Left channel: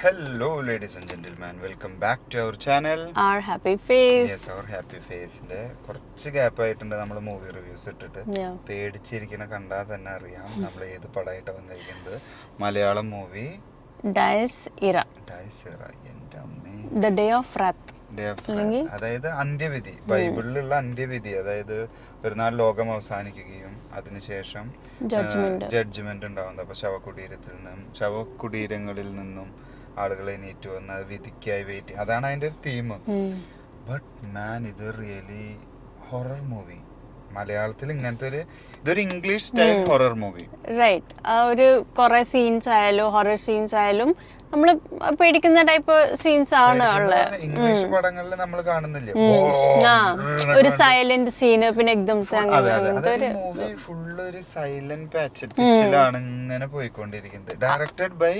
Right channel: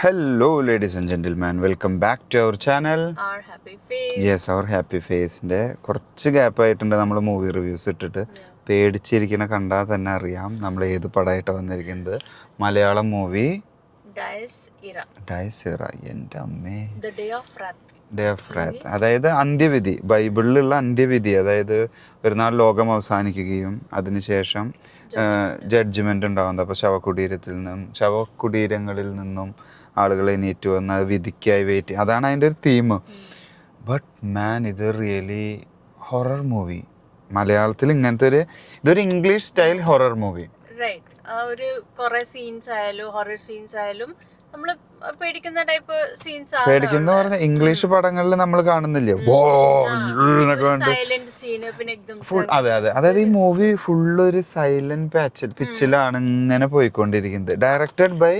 Hello, ladies and gentlemen. Welcome back to our channel. Our happy face. Yes, our happy face. കുറച്ച് gap ആയിട്ടുണ്ട് നമ്മൾ movie reviews ഇട്ടിട്ട്. പേടിച്ചിരിക്കണ കണ്ടാൽ തന്നെ അറിയാം നമ്മൾ ഏത് പടമായിട്ടാണ് വന്നിരിക്കുന്നത്. മലയാളം മൂവി ഡയസ് ഇറ. എൻ്റെ അമ്മേ. The Day of Wrath. അതായത് അന്ത്യവിധി, ബൈബിളിലുള്ള അന്ത്യവിധി. അതായത് ഒരു നാൾ ലോകം അവസാനിക്കുകയും അതിനുശേഷം ജഡ്ജ്മെന്റ് ഉണ്ടാവുന്നത്. അപ്പോൾ ശവകുടീരങ്ങളിൽ നിന്നും ആളുകൾ എണീറ്റ് വന്ന് വിധിക്കായി വെയിറ്റ്. അതാണ് അതിൻ്റെ ഒരു തീം. ബട്ട് മാൻ, ഇത് റിയലി ഹൊറർ മൂവി. മലയാളത്തിൽ ഇങ്ങനത്തെ ഇതൊരു English style horror movie. Right. ആ ഒരു കുറെ സീൻസ് ആയാലും ഹൊറർ സീൻസ് ആയാലും നമ്മൾ പേടിക്കുന്ന ടൈപ്പ് സീൻസ് ആണ്. ഇംഗ്ലീഷ് പടങ്ങളിൽ നമ്മൾ കാണുന്നില്ലേ ഒരു സൈലന്റ് സീന്, പിന്നെ അതെ അതെ. അതായത് ഈ മൂവി ഫുള്ള് ഒരു സൈലന്റ് പിച്ചിലാണ് ഇങ്ങനെ പോയിക്കൊണ്ടിരിക്കുന്നത്. Directed by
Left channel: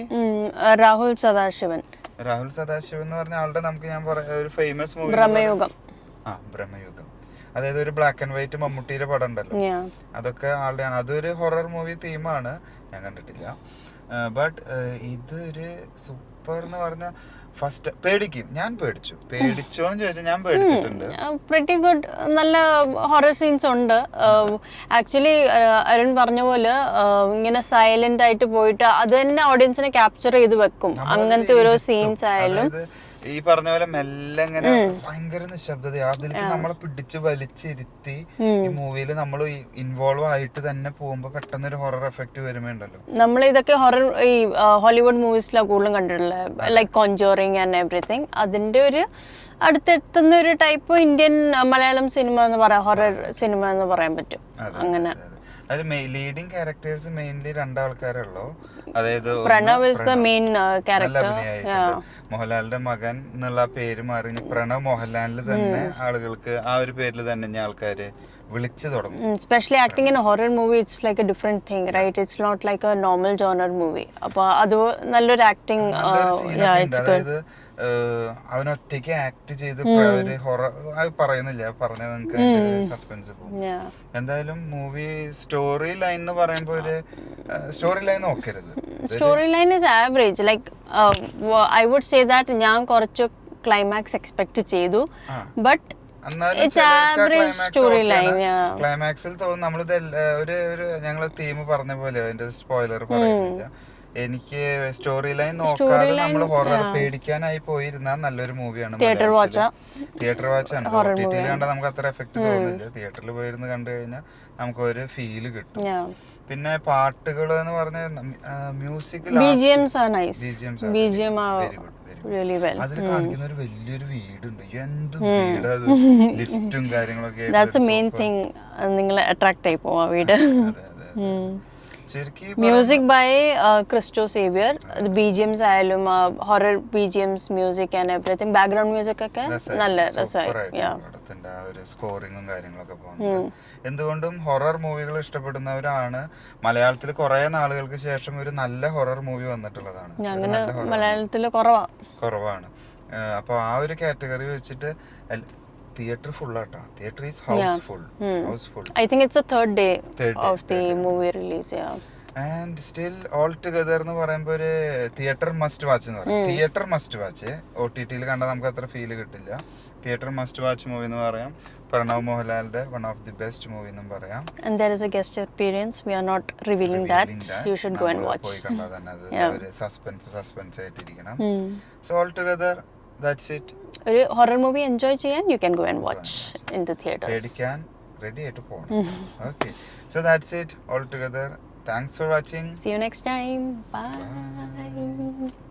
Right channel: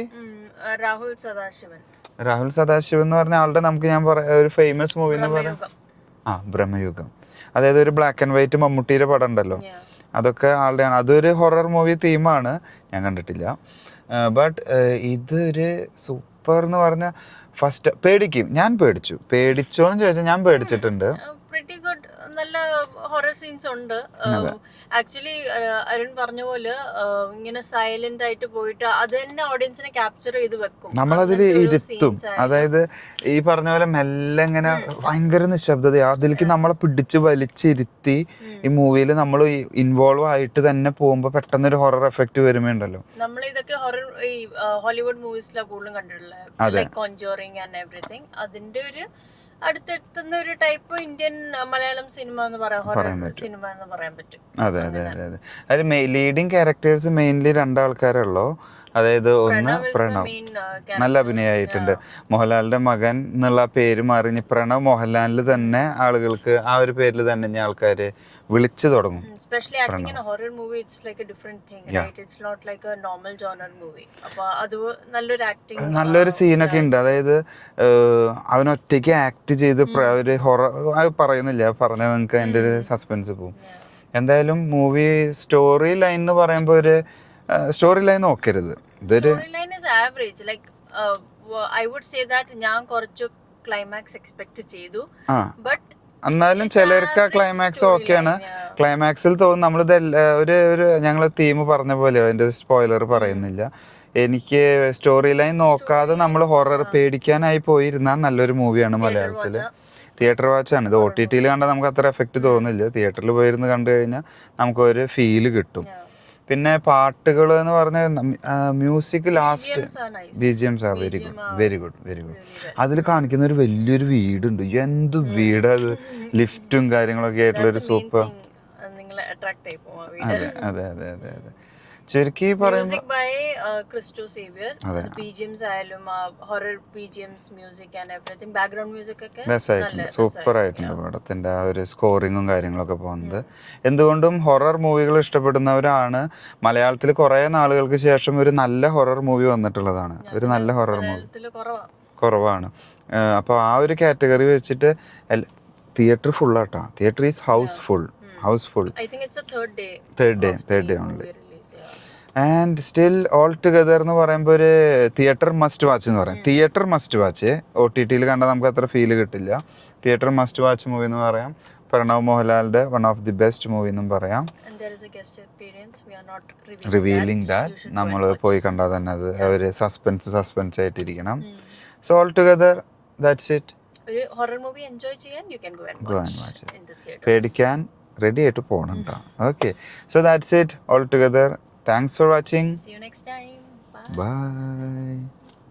Rahul Sadasivan. രാഹുൽ സദാശിവൻ എന്ന് പറഞ്ഞ ആളുടെ നമുക്ക് ഞാൻ പറയാം ഒരു ഫേമസ് മൂവി ബ്രഹ്മയുഗം. അതായത് ഒരു ബ്ലാക്ക് ആൻഡ് വൈറ്റ് മമ്മൂട്ടിയുടെ പടം ഉണ്ടല്ലോ, അതൊക്കെ ആളുടെ ആണ്. അതൊരു ഹൊറർ മൂവി തീമാണ്, ഞാൻ കണ്ടിട്ടില്ല. ബട്ട് ഇതൊരു സൂപ്പർ എന്ന് പറഞ്ഞാൽ ഫസ്റ്റ് പേടിക്കും. ഞാൻ പേടിച്ചോന്ന് ചോദിച്ചാൽ ഞാൻ പേടിച്ചിട്ടുണ്ട്. Pretty good. നല്ല ഹൊറർ സീൻസ് ഉണ്ട്. ആക്ച്വലി അരുൺ പറഞ്ഞ പോലെ ഇങ്ങനെ സൈലന്റ് ആയിട്ട് പോയിട്ട് അത് തന്നെ ഓഡിയൻസിനെ ക്യാപ്ചർ ചെയ്ത് വെക്കും. അങ്ങനത്തെ ഒരു സീൻസ് അതായത് ഈ പറഞ്ഞ പോലെ മെല്ലെ ഇങ്ങനെ ഭയങ്കര നിശബ്ദത, അതിലേക്ക് നമ്മളെ പിടിച്ച് വലിച്ചിരുത്തി ഈ മൂവിയിൽ നമ്മൾ ഇൻവോൾവ് ആയിട്ട് തന്നെ പോകുമ്പോ പെട്ടെന്ന് ഒരു ഹൊറർ എഫക്ട് വരുമ്പോണ്ടല്ലോ. നമ്മൾ ഇതൊക്കെ ഹൊറർ ഈ ഹോളിവുഡ് മൂവീസിലാണ് കൂടുതലും കണ്ടിട്ടുള്ളത്, ലൈക്ക് കോൺജോറിങ് ആൻഡ് എവറിത്തിങ്. അതിന്റെ ഒരു അടുത്തെത്തുന്ന ഒരു ടൈപ്പ് ഇന്ത്യൻ മലയാളം സിനിമ എന്ന് പറയാം, ഹൊറർ സിനിമ എന്ന് പറയാൻ പറ്റും. അങ്ങനെ ലീഡിങ് ക്യാരക്ടേഴ്സ് മെയിൻലി രണ്ടാൾക്കാരുള്ളൂ. അതായത് നല്ല അഭിനയായിട്ടുണ്ട്. മോഹൻലാലിന്റെ മകൻ എന്നുള്ള പേര് മാറി പ്രണവ് മോഹൻലാലിൽ തന്നെ ആളുകൾക്ക് ആ ഒരു പേരിൽ തന്നെ ആൾക്കാര് വിളിച്ചു തുടങ്ങും. Specially acting in horror movie it's like a different thing, right? It's not like a normal genre movie. അപ്പൊ അത് നല്ലൊരു ആക്ടിങ്, നല്ലൊരു സീനൊക്കെ ഉണ്ട്. അതായത് അവൻ ഒറ്റയ്ക്ക് ആക്ട് ചെയ്ത് ഒരു ഹൊറർ പറയുന്നില്ല, പറഞ്ഞാൽ നിങ്ങൾക്ക് അതിന്റെ ഒരു സസ്പെൻസ് പോകും. എന്തായാലും മൂവി സ്റ്റോറി ലൈൻ എന്ന് പറയുമ്പോ ഒരു സ്റ്റോറി ലൈൻ നോക്കരുത്. Story line is average. Like I would say that ഞാൻ കുറച്ച് ക്ലൈമാക്സ് എക്സ്പെക്ട് ചെയ്തു, ബട്ട് എന്നാലും ചിലർക്ക് ക്ലൈമാക്സ് ഓക്കെയാണ്. ക്ലൈമാക്സിൽ തോന്നുന്നു നമ്മളിത് ഒരു ഞങ്ങള് തീം പറഞ്ഞ പോലെ അതിന്റെ സ്പോയിലർ പറയുന്നില്ല. എനിക്ക് സ്റ്റോറി ലൈൻ നോക്കാതെ നമ്മൾ ഹൊറർ പേടിക്കാനായി പോയിരുന്നാൽ നല്ലൊരു മൂവിയാണ്. മലയാളത്തില് തിയേറ്റർ വാച്ചാണ്. ഇത് OTT കണ്ടാൽ നമുക്ക് അത്ര എഫക്ട് തോന്നില്ല. തിയേറ്ററിൽ പോയിരുന്ന് കണ്ടു കഴിഞ്ഞാൽ നമുക്ക് ഒരു ഫീല് കിട്ടും. പിന്നെ പാട്ടുകൾ എന്ന് പറഞ്ഞ മ്യൂസിക് വെരി ഗുഡ്. അതിൽ കാണിക്കുന്ന ഒരു വലിയൊരു വീടുണ്ട്. എന്ത് വീട് അത്, ലിഫ്റ്റും കാര്യങ്ങളൊക്കെ ആയിട്ടുള്ള നിങ്ങളെ അട്രാക്ട് ആയി പോവാ വീട്. അതെ അതെ അതെ. Music by Christo Xavier. BGMs ആയാലും horror BGMs, music and everything, background music ഒക്കെ നല്ല പടത്തിന്റെ ആ ഒരു സ്കോറിങ്ങും കാര്യങ്ങളൊക്കെ പോകുന്നത്. എന്തുകൊണ്ടും ഹൊറർ മൂവികൾ ഇഷ്ടപ്പെടുന്നവരാണ്. മലയാളത്തിൽ കുറെ നാളുകൾക്ക് ശേഷം ഒരു നല്ല ഹൊറർ മൂവി വന്നിട്ടുള്ളതാണ്. ഒരു നല്ല ഹൊറർ മലയാളത്തിൽ കുറവാണ്. അപ്പൊ ആ ഒരു കാറ്റഗറി വെച്ചിട്ട് തിയേറ്റർ ഫുൾ ആട്ടാ. Theatre is house full. I think it's a third day of the movie release. And still all together എന്ന് പറയുമ്പോൾ ഒരു തിയേറ്റർ മസ്റ്റ് വാച്ച് എന്ന് പറയും. Theatre must watch. OTT കണ്ടാൽ നമുക്ക് അത്ര ഫീല് കിട്ടില്ല. തിയേറ്റർ മസ്റ്റ് വാച്ച് മൂവി എന്ന് പറയാം. പ്രണവ് മോഹൻലാലിന്റെ one of the best movie എന്നും പറയാം. And there is a guest appearance. We are not revealing that. You should go and watch. പോയി കണ്ടാൽ തന്നെ അത് ഒരു സസ്പെൻസ് ആയിട്ടിരിക്കണം. So all together that's it. ഒരു ഹൊറർ മൂവി എൻജോയ് ചെയ്യാൻ you can go and watch in the theaters. പേടിക്കാൻ ready ആയിട്ട് പോകണം. Okay, so that's it all together. Thanks for watching. See you next time. Bye.